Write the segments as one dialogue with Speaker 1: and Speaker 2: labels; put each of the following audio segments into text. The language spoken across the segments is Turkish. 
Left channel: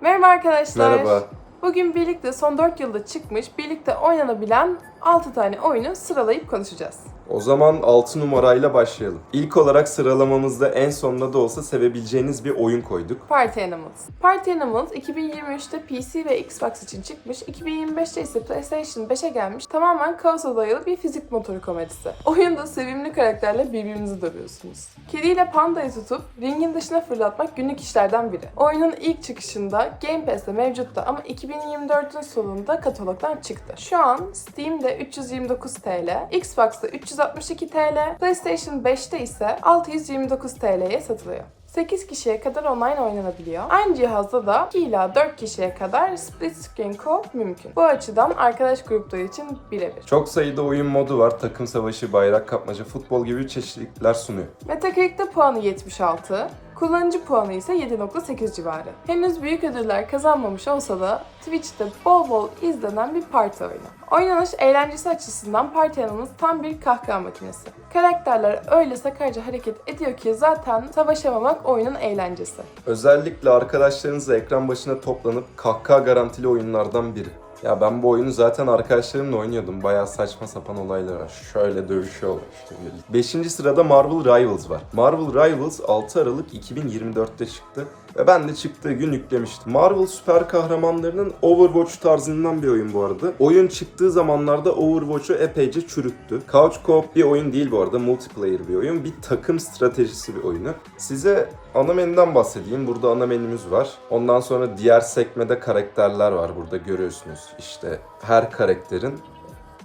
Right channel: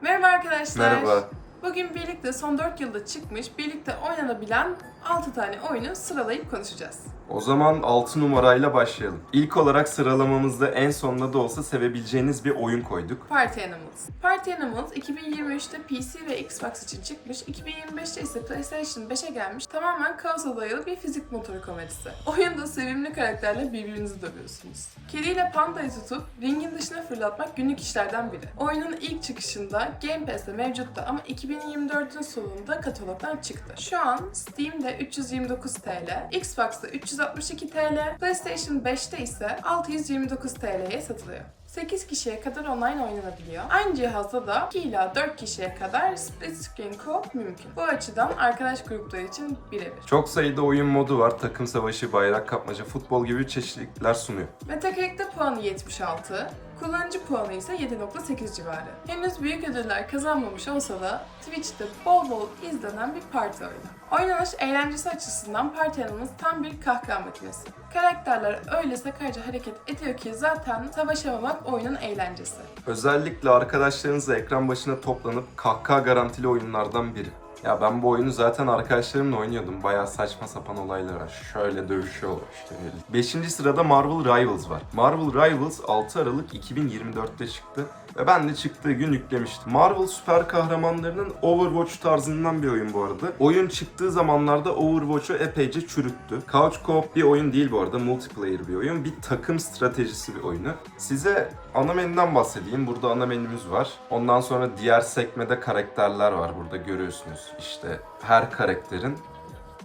Speaker 1: Merhaba arkadaşlar.
Speaker 2: Merhaba.
Speaker 1: Bugün birlikte son 4 yılda çıkmış, birlikte oynanabilen 6 tane oyunu sıralayıp konuşacağız.
Speaker 2: O zaman 6 numarayla başlayalım. İlk olarak sıralamamızda en sonunda da olsa sevebileceğiniz bir oyun koyduk.
Speaker 1: Party Animals. Party Animals 2023'te PC ve Xbox için çıkmış, 2025'te ise PlayStation 5'e gelmiş tamamen kaosa dayalı bir fizik motoru komedisi. Oyunda sevimli karakterle birbirinizi dövüyorsunuz. Kediyle pandayı tutup ringin dışına fırlatmak günlük işlerden biri. Oyunun ilk çıkışında Game Pass'te mevcutta ama 2024'ün sonunda katalogdan çıktı. Şu an Steam'de 329 TL, Xbox'ta 362 TL, PlayStation 5'te ise 629 TL'ye satılıyor. 8 kişiye kadar online oynanabiliyor. Aynı cihazda da 2 ila 4 kişiye kadar split screen co-op mümkün. Bu açıdan arkadaş grupları için birebir.
Speaker 2: Çok sayıda oyun modu var. Takım savaşı, bayrak kapmaca, futbol gibi çeşitlilikler sunuyor.
Speaker 1: Metacritic'te puanı 76, kullanıcı puanı ise 7.8 civarı. Henüz büyük ödüller kazanmamış olsa da Twitch'te bol bol izlenen bir parti oyunu. Oynanış eğlencesi açısından Party Animals tam bir kahkaha makinesi. Karakterler öyle sakarca hareket ediyor ki zaten savaşamamak oyunun eğlencesi.
Speaker 2: Özellikle arkadaşlarınızla ekran başına toplanıp kahkaha garantili oyunlardan biri. Ya ben bu oyunu zaten arkadaşlarımla oynuyordum. Bayağı saçma sapan olaylar var. Şöyle dövüşüyorlar işte. Beşinci sırada Marvel Rivals var. Marvel Rivals 6 Aralık 2024'te çıktı. Ve ben de çıktığı gün yüklemiştim. Marvel süper kahramanlarının Overwatch tarzından bir oyun bu arada. Oyun çıktığı zamanlarda Overwatch'u epeyce çürüttü. Couch Co-op bir oyun değil bu arada. Multiplayer bir oyun. Bir takım stratejisi bir oyunu. Size ana menüden bahsedeyim. Burada ana menümüz var. Ondan sonra diğer sekmede karakterler var. Burada görüyorsunuz. İşte her karakterin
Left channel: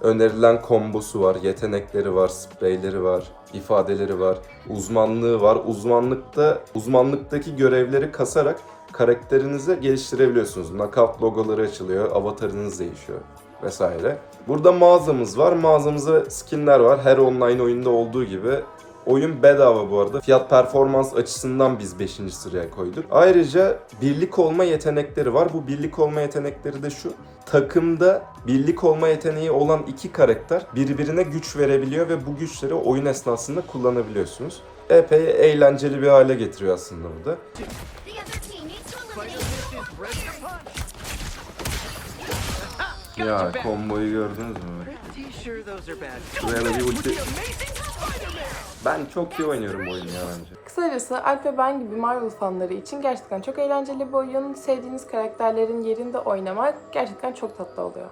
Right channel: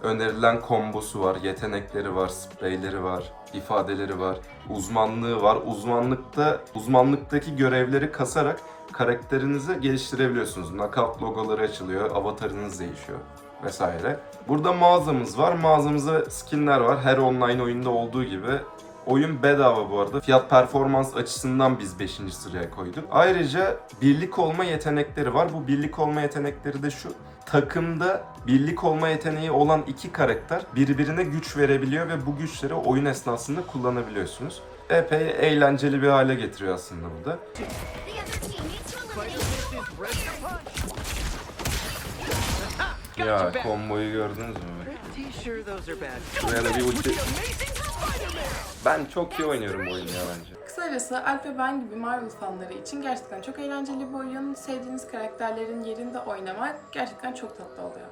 Speaker 2: önerilen kombosu var, yetenekleri var, spreyleri var, ifadeleri var, uzmanlığı var. Uzmanlıkta uzmanlıktaki görevleri kasarak karakterinizi geliştirebiliyorsunuz. Knockout logoları açılıyor, avatarınız değişiyor vesaire. Burada mağazamız var. Mağazamızda skinler var. Her online oyunda olduğu gibi Oyun bedava bu arada. Fiyat performans açısından biz 5. sıraya koyduk. Ayrıca birlik olma yetenekleri var. Bu birlik olma yetenekleri de şu. Takımda birlik olma yeteneği olan iki karakter birbirine güç verebiliyor ve bu güçleri oyun esnasında kullanabiliyorsunuz. Epey eğlenceli bir hale getiriyor aslında bu da. Ya komboyu gördünüz mü? Da bir ulti... Ben çok iyi oynuyorum bu oyunu ya bence.
Speaker 1: Kısacası Alp ve ben gibi Marvel fanları için gerçekten çok eğlenceli bir oyun. Sevdiğiniz karakterlerin yerinde oynamak gerçekten çok tatlı oluyor.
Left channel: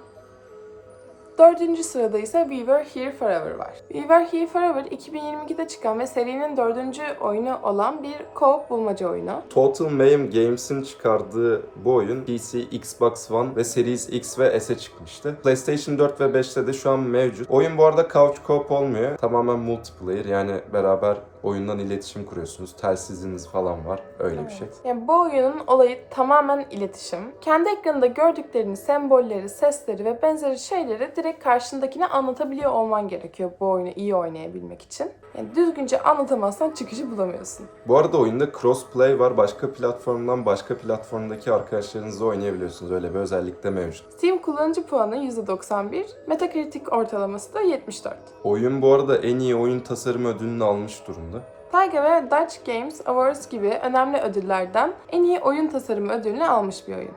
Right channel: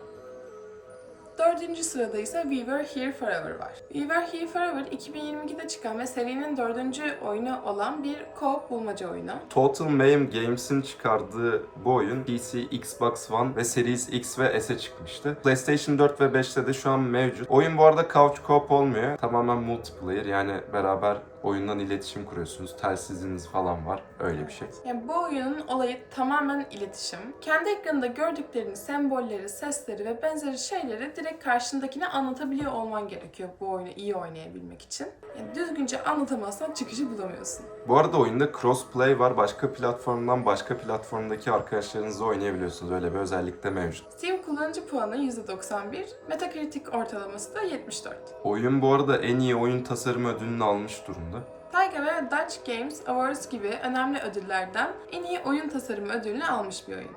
Speaker 1: Dördüncü sırada ise We Were Here Forever var. We Were Here Forever 2022'de çıkan ve serinin dördüncü oyunu olan bir co-op bulmaca oyunu.
Speaker 2: Total Mayhem Games'in çıkardığı bu oyun PC, Xbox One ve Series X ve S'e çıkmıştı. PlayStation 4 ve 5'te de şu an mevcut. Oyun bu arada couch co-op olmuyor. Tamamen multiplayer yani beraber oyundan iletişim kuruyorsunuz. Telsiziniz falan var. Öyle bir şey.
Speaker 1: Yani bu oyunun olayı tamamen iletişim. Kendi ekranında gördüklerini, sembolleri, sesleri ve benzeri şeyleri direkt karşındakine anlatabiliyor olman gerekiyor bu oyunu iyi oynayabilmek için. Yani düzgünce anlatamazsan çıkışı bulamıyorsun.
Speaker 2: Bu arada oyunda crossplay var. Başka platformdan başka platformdaki arkadaşlarınızla oynayabiliyorsunuz. Öyle bir özellik de mevcut.
Speaker 1: Steam kullanıcı puanı %91, Metacritic ortalaması da 74.
Speaker 2: Oyun bu arada en iyi oyun tasarımı ödülünü almış durumda.
Speaker 1: Tayga ve Dutch Games Awards gibi önemli ödüllerden en iyi oyun tasarımı ödülünü almış bir oyun.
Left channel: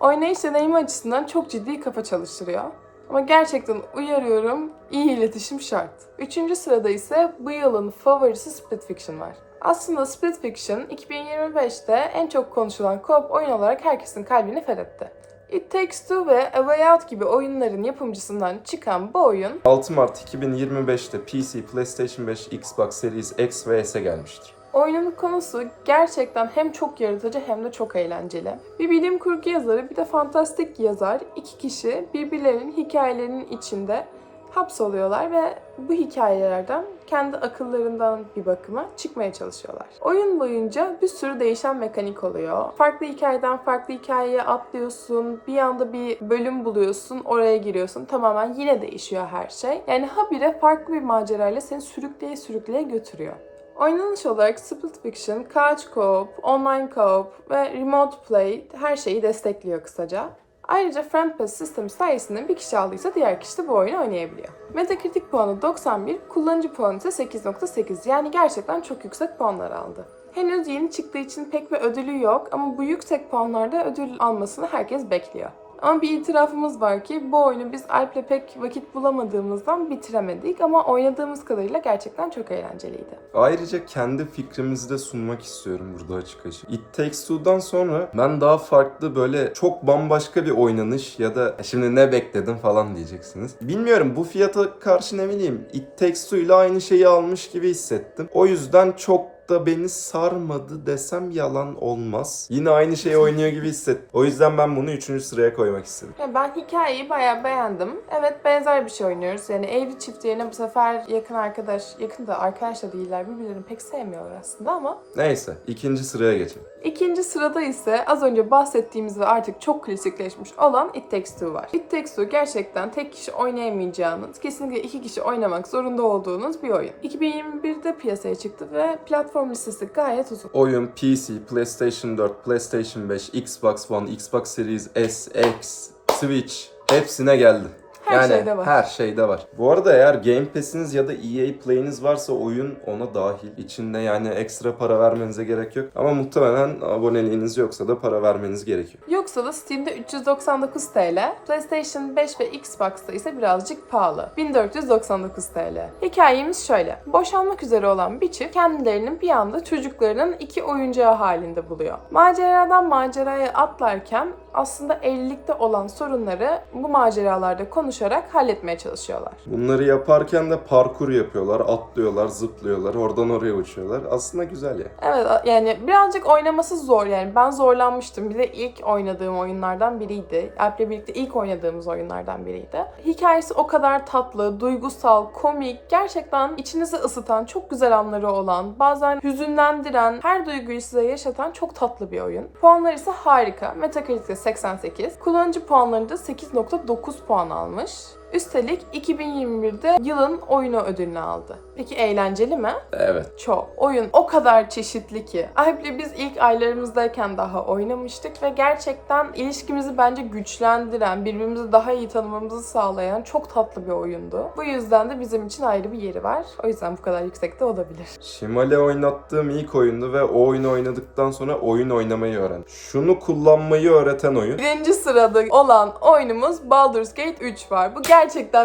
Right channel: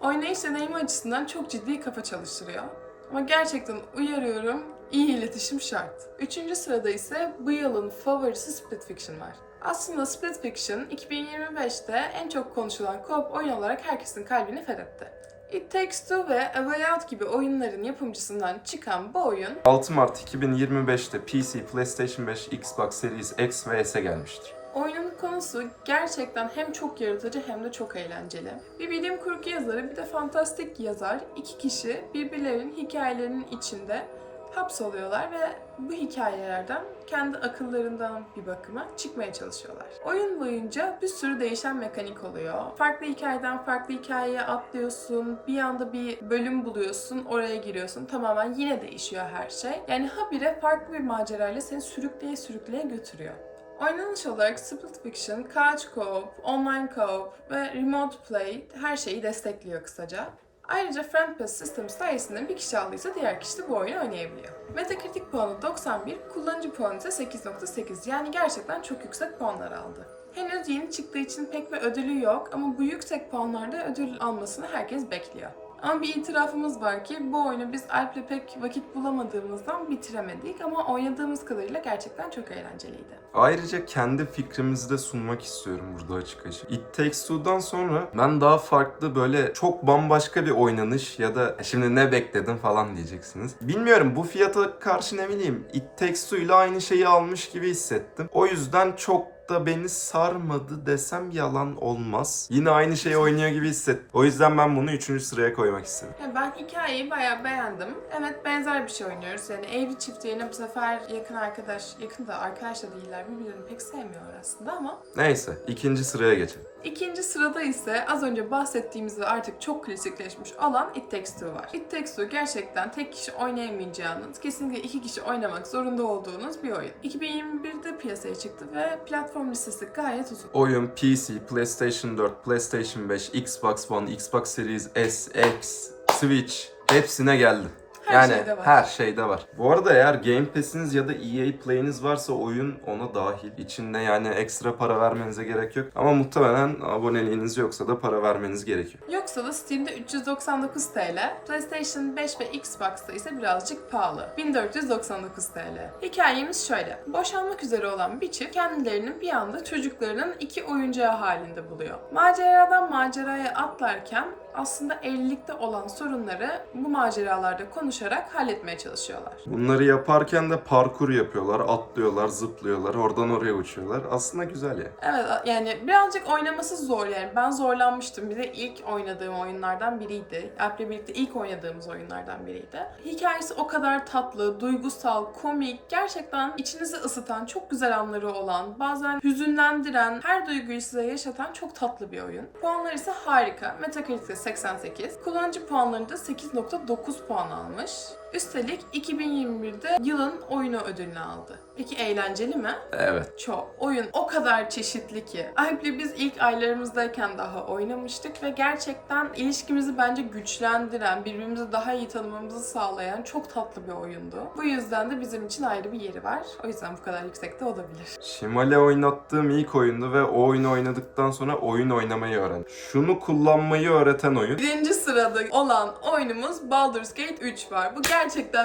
Speaker 1: Oynayış deneyimi açısından çok ciddi kafa çalıştırıyor. Ama gerçekten uyarıyorum, iyi iletişim şart. Üçüncü sırada ise bu yılın favorisi Split Fiction var. Aslında Split Fiction 2025'te en çok konuşulan co-op oyun olarak herkesin kalbini fethetti. It Takes Two ve A Way Out gibi oyunların yapımcısından çıkan bu oyun
Speaker 2: 6 Mart 2025'te PC, PlayStation 5, Xbox Series X ve S'e gelmiştir.
Speaker 1: Oyunun konusu gerçekten hem çok yaratıcı hem de çok eğlenceli. Bir bilim kurgu yazarı bir de fantastik yazar iki kişi birbirlerinin hikayelerinin içinde hapsoluyorlar ve bu hikayelerden kendi akıllarından bir bakıma çıkmaya çalışıyorlar. Oyun boyunca bir sürü değişen mekanik oluyor. Farklı hikayeden farklı hikayeye atlıyorsun. Bir anda bir bölüm buluyorsun. Oraya giriyorsun. Tamamen yine değişiyor her şey. Yani habire farklı bir macerayla seni sürükleye sürükleye götürüyor. Oynanış olarak Split Fiction, Couch Co-op, Online Co-op ve Remote Play her şeyi destekliyor kısaca. Ayrıca Friend Pass sistemi sayesinde bir kişi aldıysa diğer kişi de bu oyunu oynayabiliyor. Metacritic puanı 91, kullanıcı puanı ise 8.8 yani gerçekten çok yüksek puanlar aldı. Henüz yeni çıktığı için pek bir ödülü yok ama bu yüksek puanlarda ödül almasını herkes bekliyor. Ama bir itirafımız var ki bu oyunu biz Alp'le pek vakit bulamadığımızdan bitiremedik ama oynadığımız kadarıyla gerçekten çok eğlenceliydi.
Speaker 2: Ayrıca kendi fikrimizi de sunmak istiyorum burada açık açık. It Takes Two'dan sonra ben daha farklı böyle çok bambaşka bir oynanış ya da şimdi ne bekledim falan diyeceksiniz. Bilmiyorum bu fiyata karşı ne bileyim It Takes Two ile aynı şeyi almış gibi hissettim. O yüzden çok da beni sarmadı desem yalan olmaz. Yine aynı şeyi oynuyor gibi hissettim. O yüzden ben bunu 3. sıraya koymak istedim.
Speaker 1: Ya ben hikayeyi bayağı beğendim. Evet benzer bir şey oynuyoruz. Yani evli çift yerine bu sefer yakın arkadaş, yakın da arkadaş da değiller. Birbirlerini pek sevmiyorlar aslında ama.
Speaker 2: Neyse ikinci sıraya geçelim.
Speaker 1: İkinci sırada ise az önce bahsettiğimiz ve artık çok klasikleşmiş olan It Takes Two var. It Takes Two gerçekten tek kişi oynayamayacağınız, kesinlikle iki kişi oynamak zorunda olduğunuz bir oyun. 2021'de piyasaya çıktı ve platform listesi gayet uzun.
Speaker 2: Oyun PC, PlayStation 4, PlayStation 5, Xbox One, Xbox Series S, X, Switch hepsine geldi.
Speaker 1: Her
Speaker 2: yani
Speaker 1: şeyde var.
Speaker 2: her şeyde var. Bu arada eğer Game Pass'iniz ya da EA Play'iniz varsa oyun ona dahil. İçinde yani ekstra para vermenize gerek yok. Ama muhtemelen aboneliğiniz yoksa da para vermeniz gerekiyor.
Speaker 1: Yoksa da Steam'de 399 TL, PlayStation 5 ve Xbox'ta ise birazcık pahalı. 1499 TL. Hikayemiz şöyle. Boşanmak üzere olan bir çift kendilerinin bir anda çocuklarının iki oyuncağı halinde buluyor. Maceradan maceraya atlarken aslında evlilikte olan sorunları bu maceralarda konuşarak halletmeye çalışıyorlar.
Speaker 2: Bunları yaparken de parkur yapıyorlar, atlıyorlar, zıplıyorlar, oradan oraya uçuyorlar. Aslında güzel ya.
Speaker 1: Evet yani birazcık oynaması zor yani ben zorlanmıştım. Bir de ilk oynadığım oyunlardan biriydi. Alp'le birlikte ilk oynadığımız oyunlardan biriydi. Hikayesi o kadar tatlı, duygusal, komik, gerçekten içinizi ısıtan, çok güzel anları olan, bazen hüzünlendiren, her duyguyu size yaşatan çok tatlı bir oyun. Puanları ise harika. Metacritic'te 88. Kullanıcı puanlarında 8.9 puan almış. olmuş. Üstelik 2021'de yılın oyunu ödülünü aldı. Peki eğlenceli mi?
Speaker 2: Evet.
Speaker 1: Çok. Oyun o kadar çeşitli ki. Alp'le biz ilk aylarımızdayken daha oynamıştık ve gerçekten ilişkimizi bence güçlendiren, birbirimizi daha iyi tanımamızı sağlayan çok tatlı bir oyundu. Bu yüzden de bizim için ayrı bir yeri var. O yüzden bu kadar yüksekte olabilir.
Speaker 2: Şimal'e oynattığım ilk oyundu ve o oyunu oynadıktan sonra oyun oynamayı öğrendim. Şunu kullanmayı öğreten oyun.
Speaker 1: Birinci sırada olan oyunumuz Baldur's Gate 3 var. Bu gerçekten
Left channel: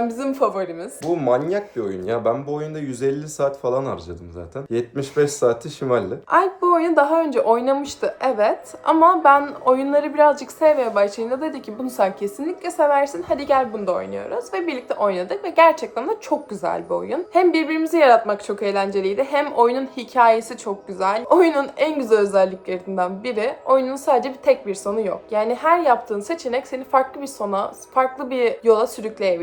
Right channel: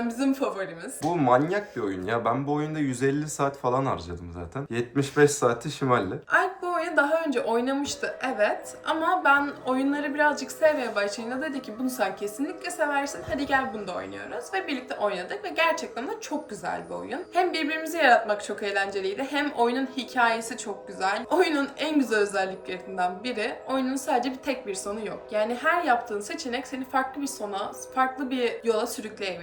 Speaker 1: bizim favorimiz.
Speaker 2: Bu manyak bir oyun ya. Ben bu oyunda 150 saat falan harcadım zaten. 75 saati Şimal'le.
Speaker 1: Alp bu oyunu daha önce oynamıştı evet ama ben oyunları birazcık sevmeye başlayınca dedi ki bunu sen kesinlikle seversin hadi gel bunu da oynuyoruz ve birlikte oynadık ve gerçekten de çok güzel bir oyun. Hem birbirimizi yaratmak çok eğlenceliydi hem oyunun hikayesi çok güzel. Oyunun en güzel özelliklerinden biri oyunun sadece bir tek bir sonu yok. Yani her yaptığın seçenek seni farklı bir sona, farklı bir yola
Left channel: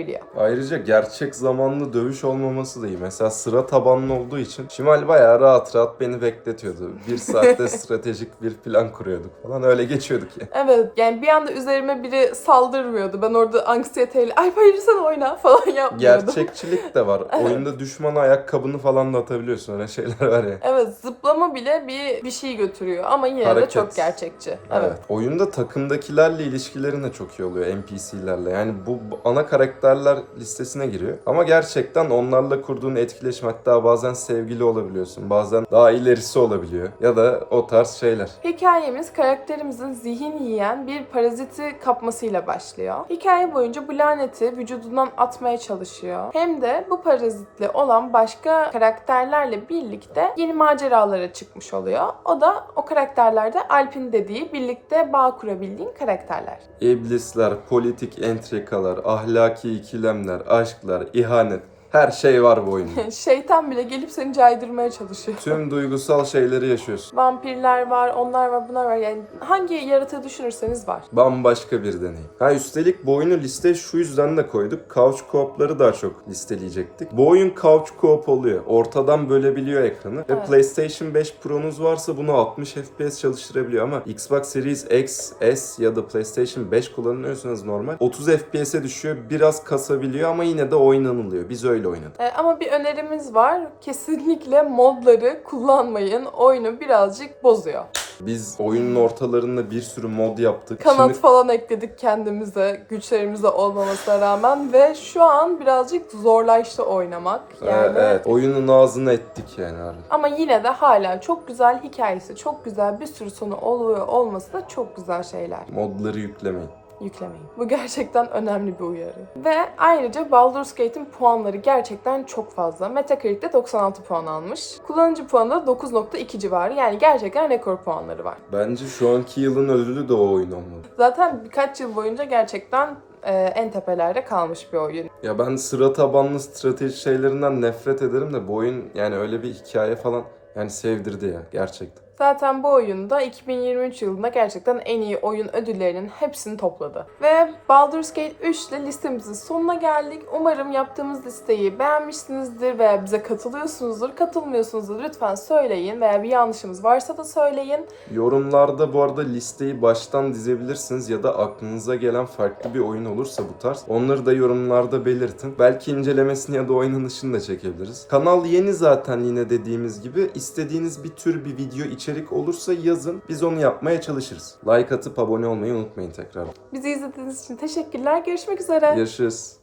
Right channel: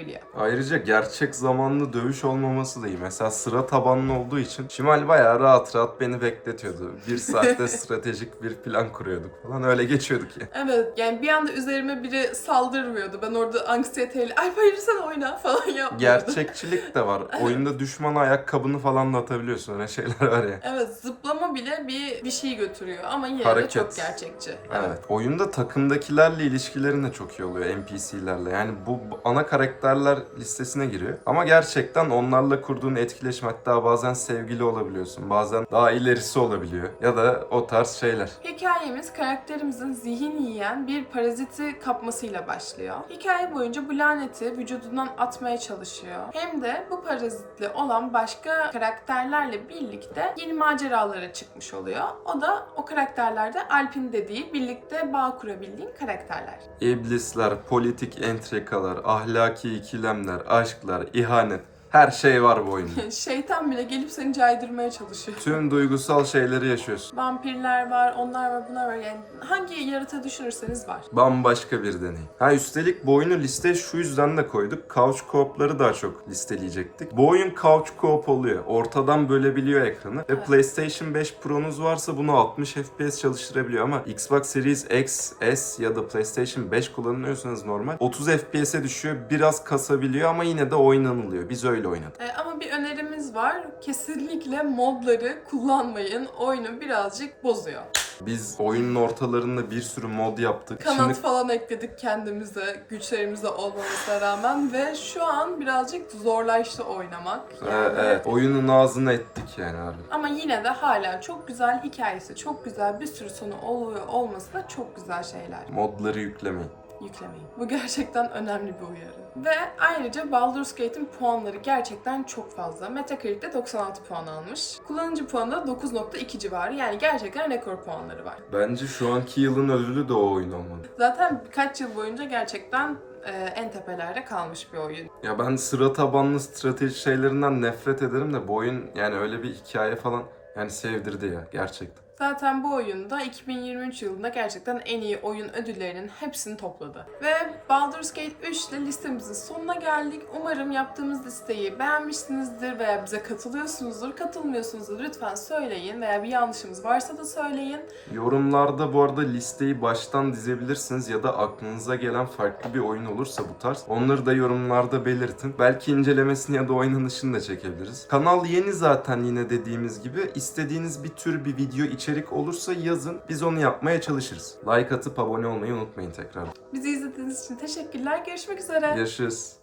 Speaker 1: sürükleyebiliyor.
Speaker 2: Ayrıca gerçek zamanlı dövüş olmaması da iyi. Mesela sıra tabanlı olduğu için Şimal bayağı rahat rahat beni bekletiyordu. Bir saatte stratejik bir plan kuruyorduk falan. Öyle geçiyorduk ya.
Speaker 1: Evet yani bir anda üzerime biri saldırmıyordu. Ben orada anksiyeteyle ay hayır sen oyna falan yapmıyordum.
Speaker 2: Gerçekçilik de var. Oyunda düşmana ayakkabını falan da atabiliyorsun. Öyle şeyler var ya.
Speaker 1: Evet zıplama bile bir bir şey götürüyor ama yine
Speaker 2: Hareket.
Speaker 1: de çok gerçekçi.
Speaker 2: Evet. Oyunda takımdakilerle ilişkilerin de çok iyi oluyor NPC'lerle. Yani bu bu ana karakterler listesine giriyor. Ama gerçekten onlarla kurduğun etkileşim hatta bazen sevgili olabiliyorsun. Bazen daha ilerisi olabiliyor. Ya da o tarz şeyler.
Speaker 1: Hikayemiz karakterimizin zihin yiyen bir paraziti kapmasıyla başlıyor. Hikaye boyunca bu laneti vücudundan atmaya çalışıyor. Hem de bu parazitle olan başka karakterlerle birlikte yeni maceralara çıkmış oluyor. O da o karakterlerde Alp'in dediği birlikte bağ kurabildiğin karakterler.
Speaker 2: İblisler, politik entrikalar, ahlaki ikilemler, aşklar, ihanet. Her şey var bu oyunda.
Speaker 1: Şeytan bile gelip seni caydırmaya çalışıyor.
Speaker 2: Tüm duygusal şeyleri yaşıyorsun.
Speaker 1: Vampirler var, onlar var, bunlar var. Yani hangi yaratığı düşünürseniz var.
Speaker 2: Bambaşka bir deneyim. Ha üstelik bu oyunu listeye şu yüzden de koyduk. Couch co-op'ları daha çok listeleyecektik. Bu oyun couch co-op oluyor. Ortadan bölebiliyor ekranı. Ve
Speaker 1: Evet.
Speaker 2: PlayStation 5 Pro'nuz varsa bunu 60 FPS çalıştırabiliyor ama Xbox Series X, S ya da PlayStation 5 kullanıyorsanız normal 30 FPS'e düşüyor. Biraz kasabiliyor ama yine de oynanılıyor. Biz öyle oynadık.
Speaker 1: Ee, ama bir önerimiz var. Kesinlikle modları kullanmayın. Oyunu birazcık bozuyor.
Speaker 2: Biz oyunun ortalarında bir sürü mod yaptık.
Speaker 1: Kanat
Speaker 2: Şimdi
Speaker 1: falan ekledik kendimize, güçlerimize olmamasına rağmen ve şu an birazcık zorlaştı oynamak.
Speaker 2: Ee,
Speaker 1: Yani.
Speaker 2: evet, oyunun ağzını ettik yani abi.
Speaker 1: Ama yine de hala çok güzel hikayesi, çok güzel bir sürü sonu oluyor olması da çok güzel şeyler.
Speaker 2: Modları yüklemeyin.
Speaker 1: Yüklemeyin. Bu gerçekten önemli bir uyarı. Ve ayrıca Baldur's Gate'in puanları gerçekten çok fazla. Metacritic'te 96 puan almış. Kullanıcı puanı da 9.2 civarı. Yani gerçekten rekor puanları var.
Speaker 2: Bence şu anki yılın ödülü de o oyun olmalı.
Speaker 1: Zaten birkaç yıl boyunca gerçekten e, en tepelerde kalmış bir oyun.
Speaker 2: Ya ben sıra tabanlı strateji şeylerinden nefret ederim de bu oyun yani öyle bir hikaye falan yani sevdirdi ya gerçekten.
Speaker 1: Zaten bu oyunda 2023 yılında gerçekten en iyi oyun ödüllerinin hepsini topladı. Ve Baldur's Gate 3 ile listemizin sonuna geldik. Umarım yaptığımız listeyi beğenmişsinizdir veya bize katılıyorsunuzdur. Katılmıyorsunuzdur lütfen söyleyin veya bir yanlışımız varsa da söyleyin.
Speaker 2: Yorumlarda bu arada listeyi baştan dizebilirsiniz ya da aklınıza gelen farklı bir oyun olursa bu tarz. Onları da yorumlarda belirtin. Belki incelemesini ya da oynanışını da çekebiliriz. Kanal yeni zaten yine dediğimiz gibi. İstediğiniz bir tür bir video içerik olursa yazın. Biz onu yapmaya çalışırız. Like atıp abone olmayı unutmayın tekrar.
Speaker 1: Bizi izlediğiniz için teşekkürler. Görüşmek üzere.
Speaker 2: Görüşürüz.